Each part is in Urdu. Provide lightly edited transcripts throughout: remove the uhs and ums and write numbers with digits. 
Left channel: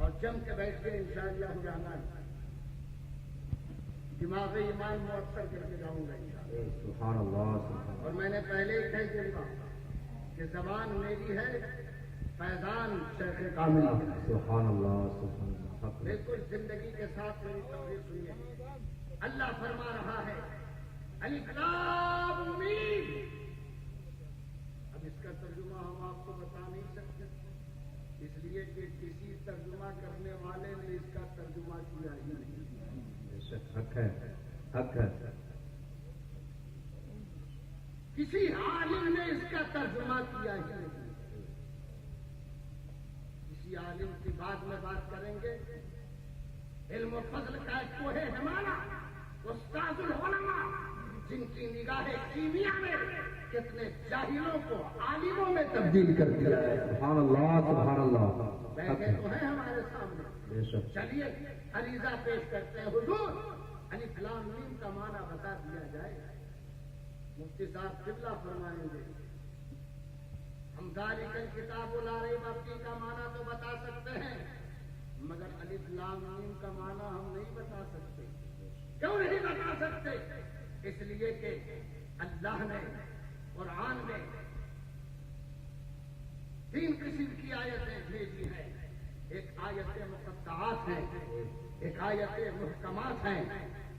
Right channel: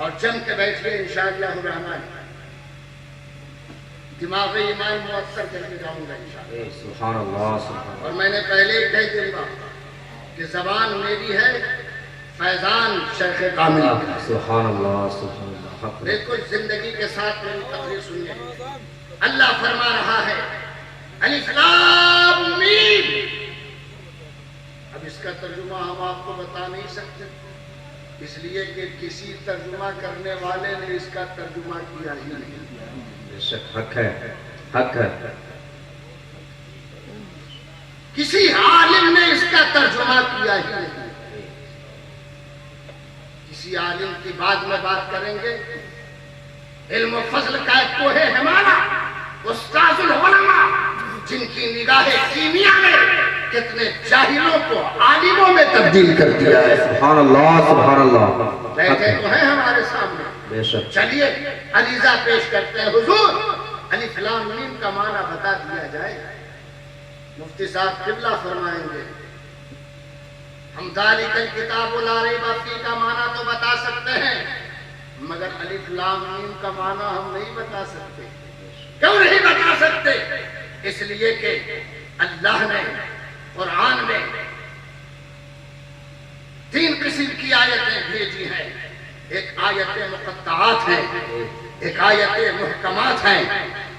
اور جم کے بیٹھیے انشاءاللہ الرحمن، دماغی ایمان مؤثر کر کے جاؤں گا انشاءاللہ۔ سبحان اللہ سبحان اور میں نے پہلے ہی کہہ دوں کہ زبان میری ہے، فیضان شیخ کامل کی۔ سبحان اللہ سبحان اللہ حق بالکل زندگی کے ساتھ میری تقریر سنیے۔ اللہ فرما رہا ہے الف لام میم۔ اب اس کا ترجمہ ہم آپ کو بتا نہیں سکتے، اس لیے کہ کسی ترجمہ کرنے والے نے اس کا ترجمہ کیا ہی نہیں۔ بے شک حق ہے، حق ہے۔ کسی عالم نے اس کا ترجمہ کیا ہی نہیں۔ کسی عالم کی بعد میں بات کریں گے۔ علم و فضل کا ایک کوہ ہے ہمارا استاذ العلماء، جن کی نگاہ کیمیا نے کتنے جاہلوں کو عالموں میں تبدیل کر دیا ہے۔ سبحان اللہ سبحان اللہ۔ بیٹھے تو ہیں ہمارے سامنے۔ بے شک۔ چلیے عریضہ پیش کرتے ہیں۔ حضور الف لام میم کا معنی بتا دیا جائے۔ مفتی صاحب قبلہ فرمائیں گے ہم ذالک الکتاب لا ریب فیہ کا معنی تو بتا سکتے ہیں، مگر الف لام میم کا معنی ہم نہیں بتا سکتے۔ کیوں نہیں بتا سکتے؟ اس لیے کہ اللہ نے قرآن میں 3 قسم کی آیتیں بھیجی ہیں۔ ایک آیت مقطعات ہیں، ایک آیت محکمات ہیں،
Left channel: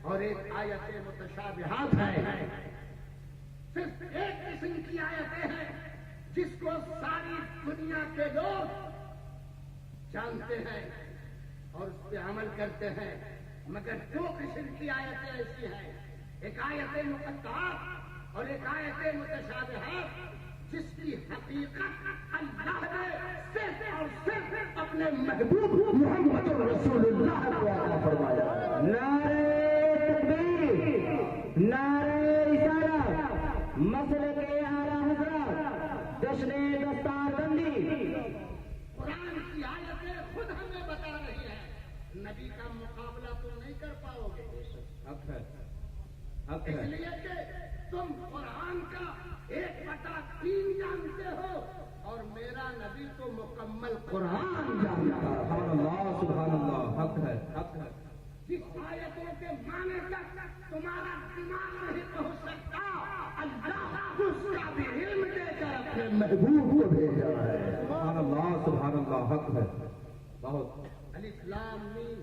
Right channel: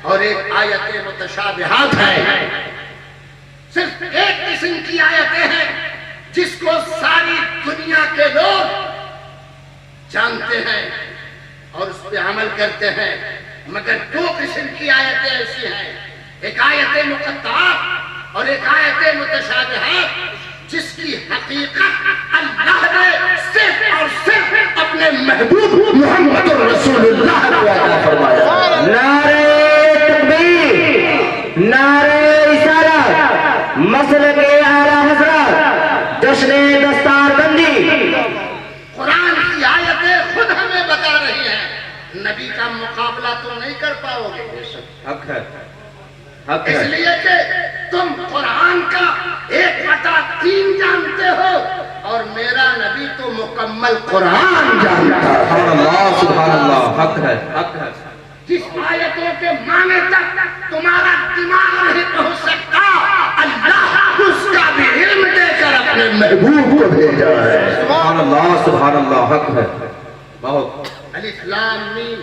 اور ایک آیت متشابہات ہیں۔ صرف ایک قسم کی آیتیں ہیں جس کو ساری دنیا کے لوگ جانتے ہیں اور اس پہ عمل کرتے ہیں، مگر 2 قسم کی آیتیں ایسی ہیں، ایک آیت مقطعات اور ایک آیت متشابہات، جس کی حقیقت اللہ نے صرف اور صرف اپنے محبوب محمد رسول اللہ نے عطا فرمایا۔ نعرہ تکبیر، نعرہ رسالت، مسلک اعلیٰ حضرت، جشن دستار بندی۔ قرآن کی آیتیں خود ہمیں بتا رہی ہیں، نبی کا مقابلہ تم نہیں کر پاؤ گے۔ حق ہے، حق ہے۔ اس لیے کہ تم قرآن کا 1/3 جانتے ہو، اور میرا نبی تو مکمل قرآن جانتا ہے۔ سبحان اللہ سبحان اللہ حق ہے، حق ہے۔ جس آیتوں کے معنی تک تمہارا دماغ نہیں پہنچ سکتا، اللہ اس کا بھی علم دے کر اپنے محبوب کو بھیجا ہے۔ سبحان اللہ سبحان اللہ حق ہے، بہت۔ الف لام میم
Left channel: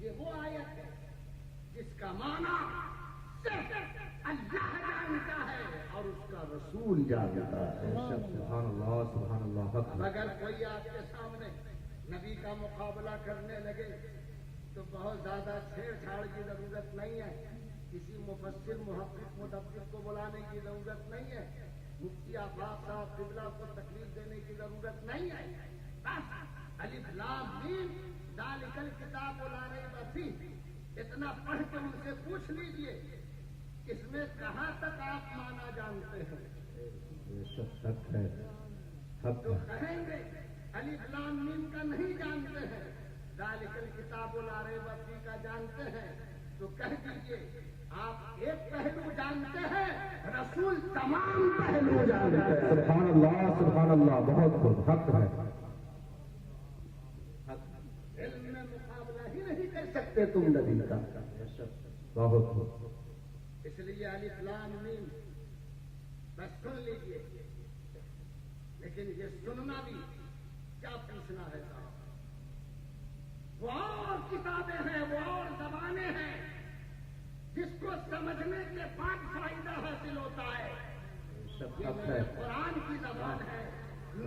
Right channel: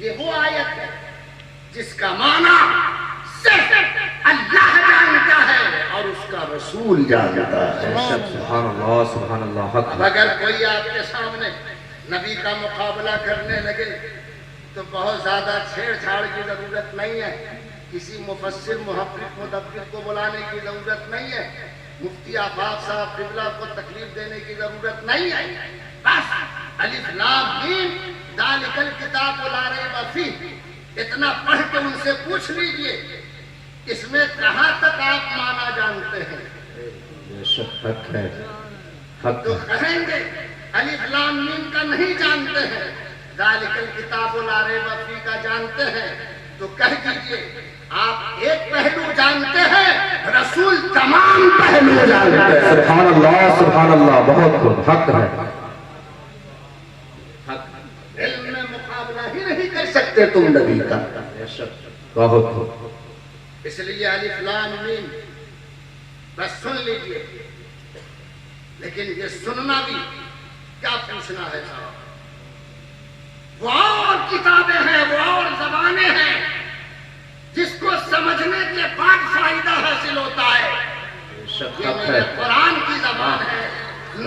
یہ وہ آیت ہے جس کا معنی صرف اللہ جانتا ہے اور اس کا رسول جانتا ہے۔ سبحان اللہ سبحان اللہ حق اب ہے۔ اگر کوئی آپ کے سامنے نبی کا مقابلہ کرنے لگے تو بہت زیادہ چھیڑ چھاڑ کی ضرورت نہیں ہے، کسی مفسر محقق مدبر کو بلانے کی ضرورت نہیں ہے، مفتی آفاق صاحب قبلہ کو تکلیف دینے کی ضرورت نہیں ہے۔ بس الف لام میم ذالک الکتاب لا ریب فیہ اتنا پڑھ کے ان سے پوچھ لیجئے اس میں کہاں تک آپ معنی جانتے ہیں، بے شک حق ہے، حق تو ہے۔ کہیں گے الف لام میم کا نہیں جانتے ہیں، ذالک الکتاب لا ریب فیہ کا جانتے ہیں، تو کہہ دیجئے آپ ایک پہلو جانتے ہیں، رسول تمام پہلو جانتے ہیں۔ سبحان اللہ بہت خوب، حق ہے، حق ہے۔ علم میں مقابلہ ہی نہیں کر سکتے تم نبی کا۔ بے شک بہت خوب۔ اس لیے الف لام میم بس سن لیجئے، لیکن یہ سننا بھی کیا پوچھنا ہے صاحب، وہ اور کتابیں ہیں، وہ اور زبانیں ہیں جس کو سمجھنے کے بعد فائدہ حاصل ہوتا ہے۔ بے شک یہ حق میرے ہے۔ قرآن کی زبان ہے،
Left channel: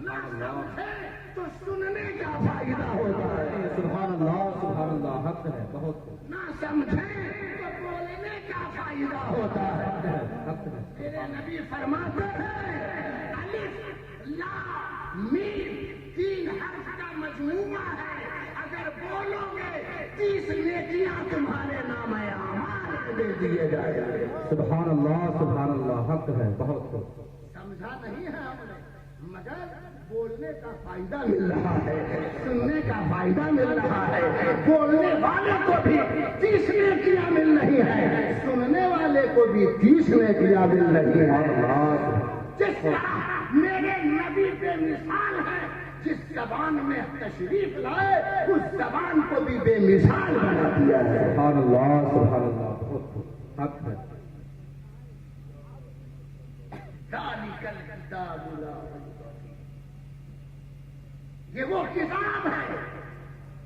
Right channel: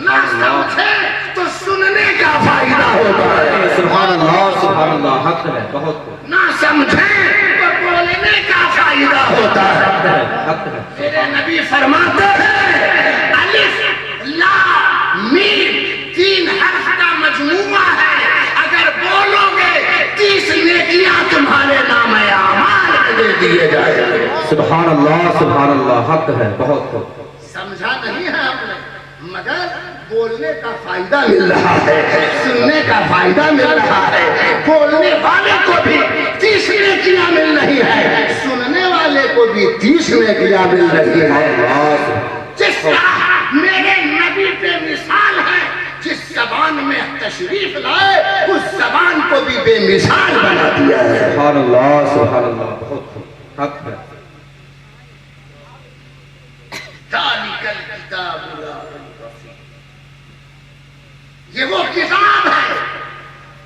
نہ سمجھے تو سننے کا فائدہ ہوتا ہے، سبحان اللہ حق ہے، بہت خوب۔ نہ سمجھے تو بولنے کا فائدہ ہوتا ہے۔ حق ہے۔ میرے نبی فرماتے ہیں الف لام میم 3 حرف کا مجموعہ ہے، اگر بولو گے 30 نیکیاں تمہارے نام اعمال میں دے دیے جائیں گے۔ سبحان اللہ حق ہے، بہت خوب۔ سمجھا نہیں ہے ہم نے، مگر بولنے کا فائدہ مل رہا ہے، سننے کا فائدہ مل رہا ہے، بولنے والے کو بھی 30 نیکیاں مل رہی ہے، سننے والے کو بھی 30 نیکیاں مل رہی ہے۔ جس طرح میرے نبی پہ مثال ہے، جس زبان میں تشریف لائے اس زبان کو بھی بے مثال بنا دیا ہے. سبحان اللہ بہت حق ہے. ذالک الکتاب لا ریب فیہ. یہ وہ کتاب ہے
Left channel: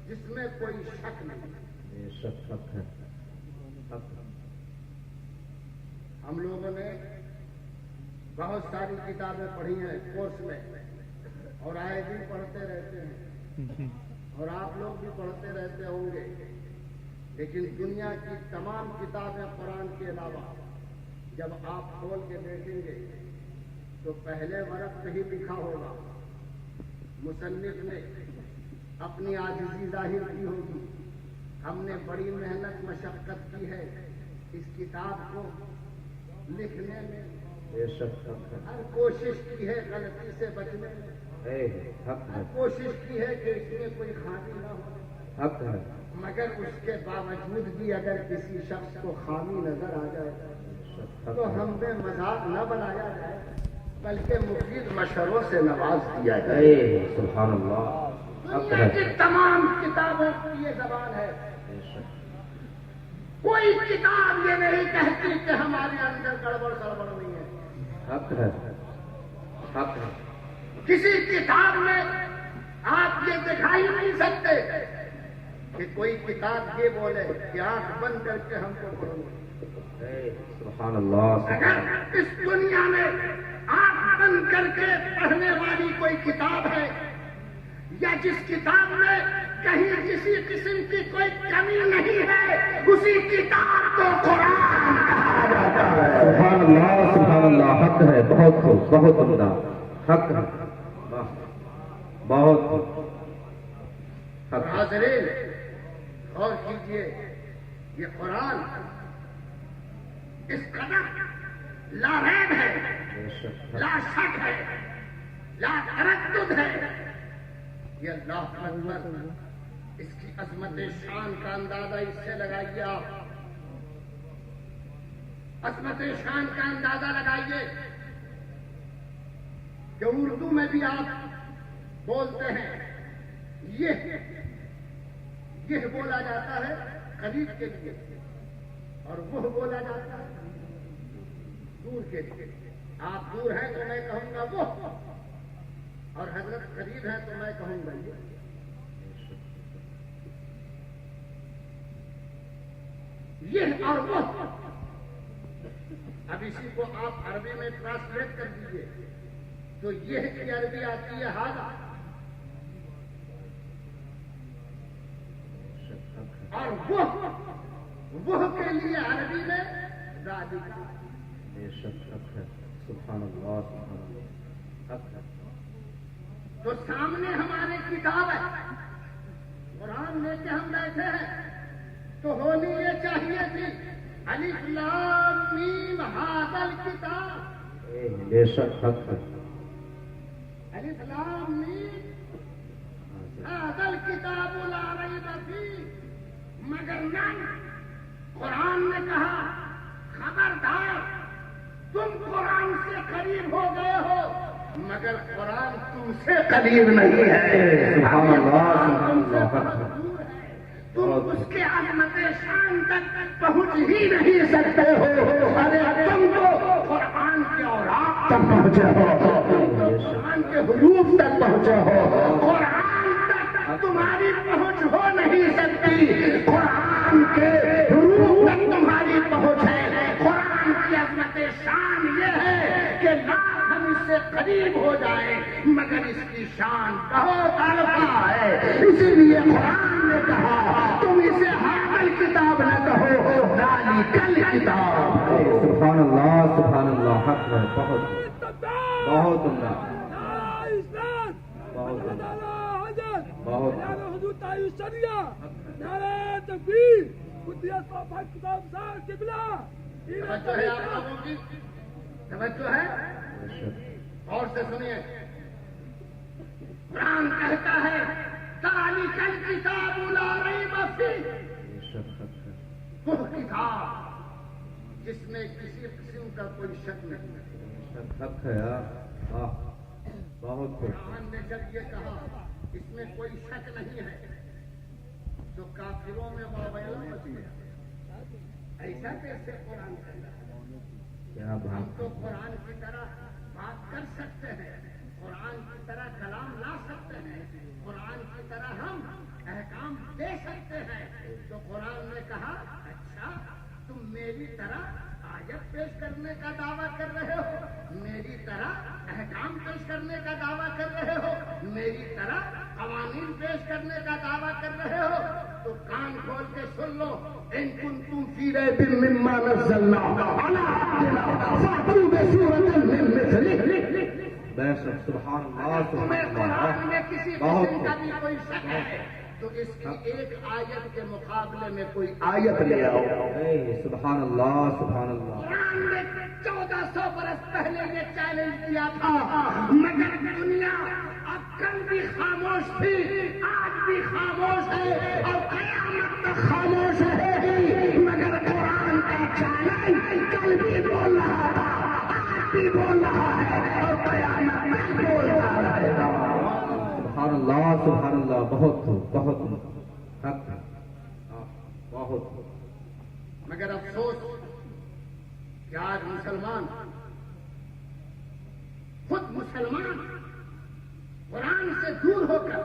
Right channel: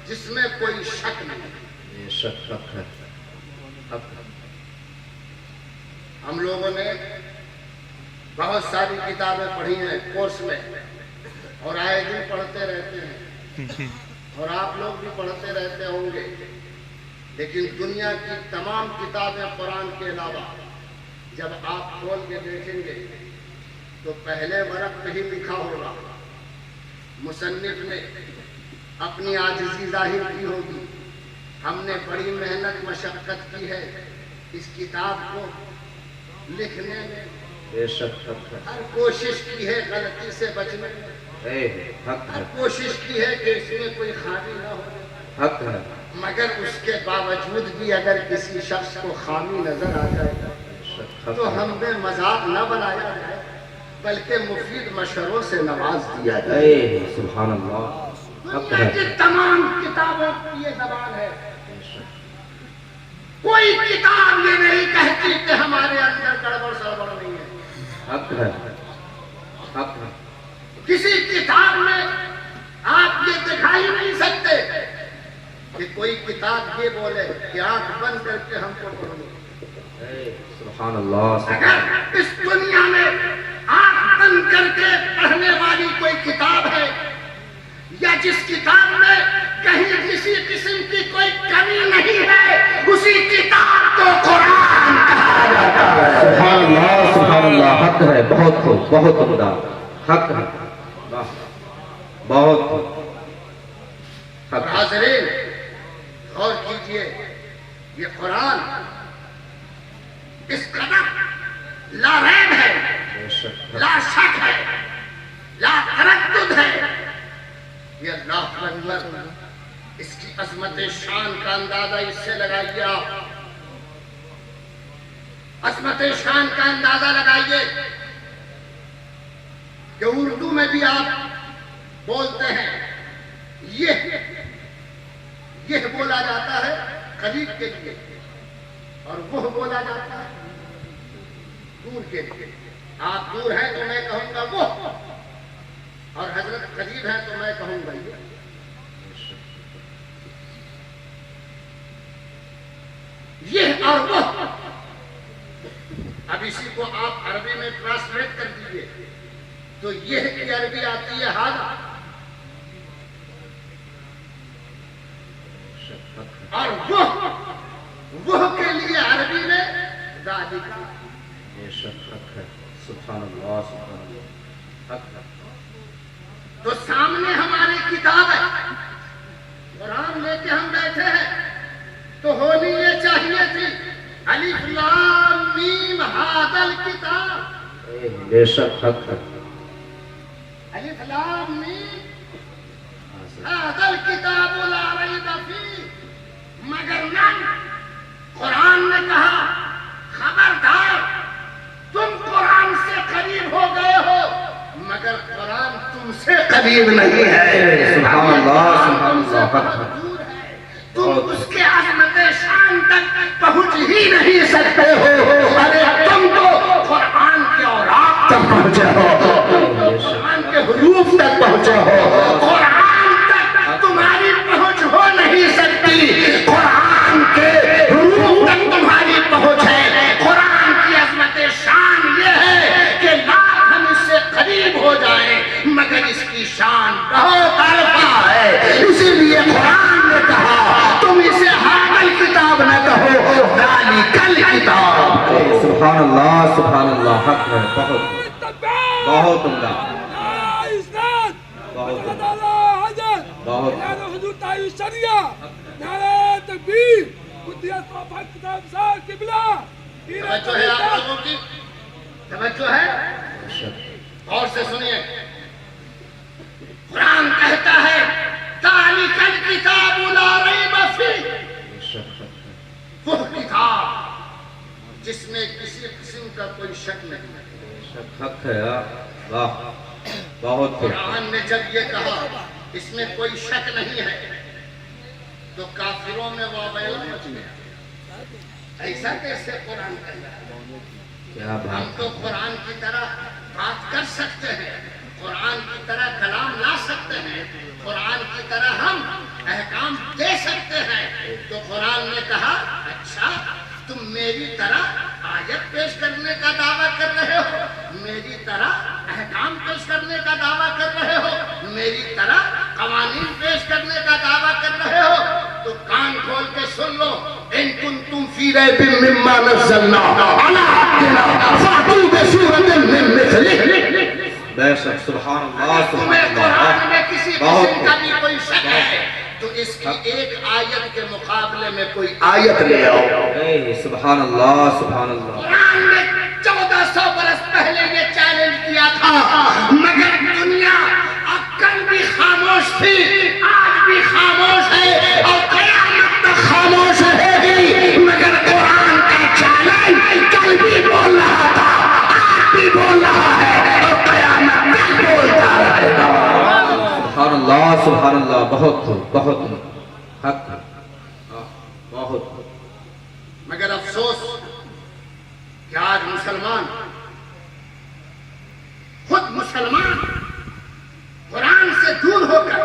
جس میں کوئی شک نہیں. یہ شک حق ہے. حق ہے. ہم لوگوں نے بہت ساری کتابیں پڑھی ہیں کورس میں اور آئے دن پڑھتے رہتے ہیں اور آپ لوگ بھی پڑھتے رہتے ہوں گے. لیکن دنیا کی تمام کتابیں قرآن کے علاوہ جب آپ کھول کے دیکھیں گے تو پہلے ورق پہ ہی لکھا ہوگا. مصنف نے اپنی عاجزی ظاہر کی ہوگی. ہم نے بڑی محنت مشقت کی ہے اس کتاب کو لکھنے میں. بے شک حق ہے. ہر کوشش کی ہے غلطی سے بچنے میں. حق ہے. ہر کوشش کی ہے کہ اس میں کوئی خامی نہ ہو. حق ہے. مگر اس کے باوجود بھی اگر کسی شخص کو خامی نظر آ جائے تو ہم نے مذاق نہ بنایا جائے بلکہ مفید مشوروں سے نواز دیا جائے. سبحان اللہ. دنیا کی تمام کتابوں کی یہ زبان ہے. کوئی کتاب یہ نہیں کہتی کہ ہمارے اندر گڑبڑ سڑبڑ نہیں ہے. حق ہے. حق ہے. کسی کتاب میں آپ یہ دکھا ہی نہیں سکتے کہ کوئی کتاب یہ بولے کہ آنکھ بند کر کے ہم کو پڑھو. سبحان اللہ. اگر اس دنیا میں آنکھ بند کر کے پڑھنے والی کوئی کتاب ہے یا جس کتاب میں کہیں کسی قسم کی کوئی کمی نہیں ہے اسی کتاب کو قرآن کہا جاتا ہے. سبحان اللہ. حق ہے. بہت خوب. بہت عمدہ. حق ہے. بہت حق. حاضرین غور کیجئے یہ قرآن اس قدر لا ریب ہے, لا شک ہے, لا تردد ہے. یہ اللہ اکبر. اس کی عظمت شان کا اندازہ اس سے لگائیے. آپ عظمت شان کا اندازہ لگائیے کہ اردو میں بھی آپ بولتے ہیں یہ بولا جاتا ہے قریب کے لیے اور وہ بولا جاتا ہے دور کے لیے. آپ دور ہیں تو میں کہوں گا وہ اور حضرت قریب ہے تو میں کہوں گا یہ اور وہ. اب اسی کو آپ عربی میں ٹرانسلیٹ کر دیجئے تو یہ کی عربی آتی ہے ہاں اور وہ کے لیے عربی میں ذالک. یہ شک حق ہے. سبحان اللہ. سبحان اللہ. حق ہے. تو سامنے ہماری کتاب ہے قرآن لے کے ہم بیٹھے ہیں تو ہونی یہ چاہیے تھی الف لام میم ھذا الکتاب. بے شک حق ہے. الف لام میم ھذا الکتاب لا ریب فیہ. مگر نہ قرآن نے کہا خبردار تم قرآن سے قریب ہو گئے ہو مگر قرآن تم سے قریب نہیں ہے. سبحان اللہ. سبحان اللہ. حق ہے. تم اس کے عظمت شان تک پہنچ ہی نہیں سکتے ہو. ارے تم تو قرآن کے اوراق تک پہنچے ہو, قرآن کے حروف تک پہنچے ہو. قرآن تک تمہاری پہنچ ہو نہیں سکتی. قرآن کے حروف تک تمہاری پہنچ ہے. قرآن کی عظمت شان یہ ہے کہ لاکھ ہم اس سے قریب ہو جائیں مگر اس کی شان بہت عرفہ ہے. اسی لیے قرآن نے کہا تم اسے حاضر کتاب نہ کہو ذالک الکتاب. سبحان اللہ. سبحان اللہ. حق ہے. بہت بہت عمدہ. بہت حضور تعالی شریعہ نعرہ تکبیر قدیت وفا کتاب صاحب قبلہ. توجہ ہے آپ لوگوں کی, توجہ ہے. اور سے سنیے قرآن کہتا ہے ذالک الکتاب لا ریب فیہ. وہ کتاب جس میں کسی قسم کا کوئی شک نہیں. حق ہے. واہ. بہت قرآن نے جب یہ کہا اس میں کوئی شک نہیں ہے، تو کافروں میں واویلا مچ گیا، ایسا کیسے قرآن کہتا ہے؟ کیا ہم بات تو قرآن کی طرح بات کر سکتے ہیں، قرآن کی طرح کلام لا سکتے ہیں، قرآن کی طرح ہم احکام دے سکتے ہیں، تو قرآن نے کہا اچھا تم میری طرح آیت پیش کرنے کا دعویٰ کر رہے ہو، میری طرح احکام پیش کرنے کا دعویٰ کر رہے ہو، میری طرح قوانین پیش کرنے کا دعویٰ کر رہے ہو، تو کان کھول کے سن لو، ان کنتم فی ریب مما نزلنا علی عبدنا فأتوا بسورۃ من مثلہ۔ بے شک، سبحان اللہ تمہیں سبحان قرآن میں اللہ، کسی بہت قسم کا بھی کوئی شک ہے تو اس کی ایک آیت کے مقابلے میں کوئی آیت لے آؤ۔ اے سبحان اللہ سبحان اللہ۔ قرآن نے 1400 برس پہلے یہ چیلنج کیا تھا، مگر دنیا اب کل بھی خاموش تھی، آج بھی خاموش ہے اور قیامت تک خاموش رہے گی، مگر قرآن کا چیلنج کل بھی بول رہا تھا، آج بھی بول رہا ہے اور قیامت تک بولتا رہے گا۔ سبحان اللہ سبحان اللہ، بہت بہت حق، بہت۔ مگر افسوس کہ آج مسلمان خود مسلمان قرآن سے دور ہو کر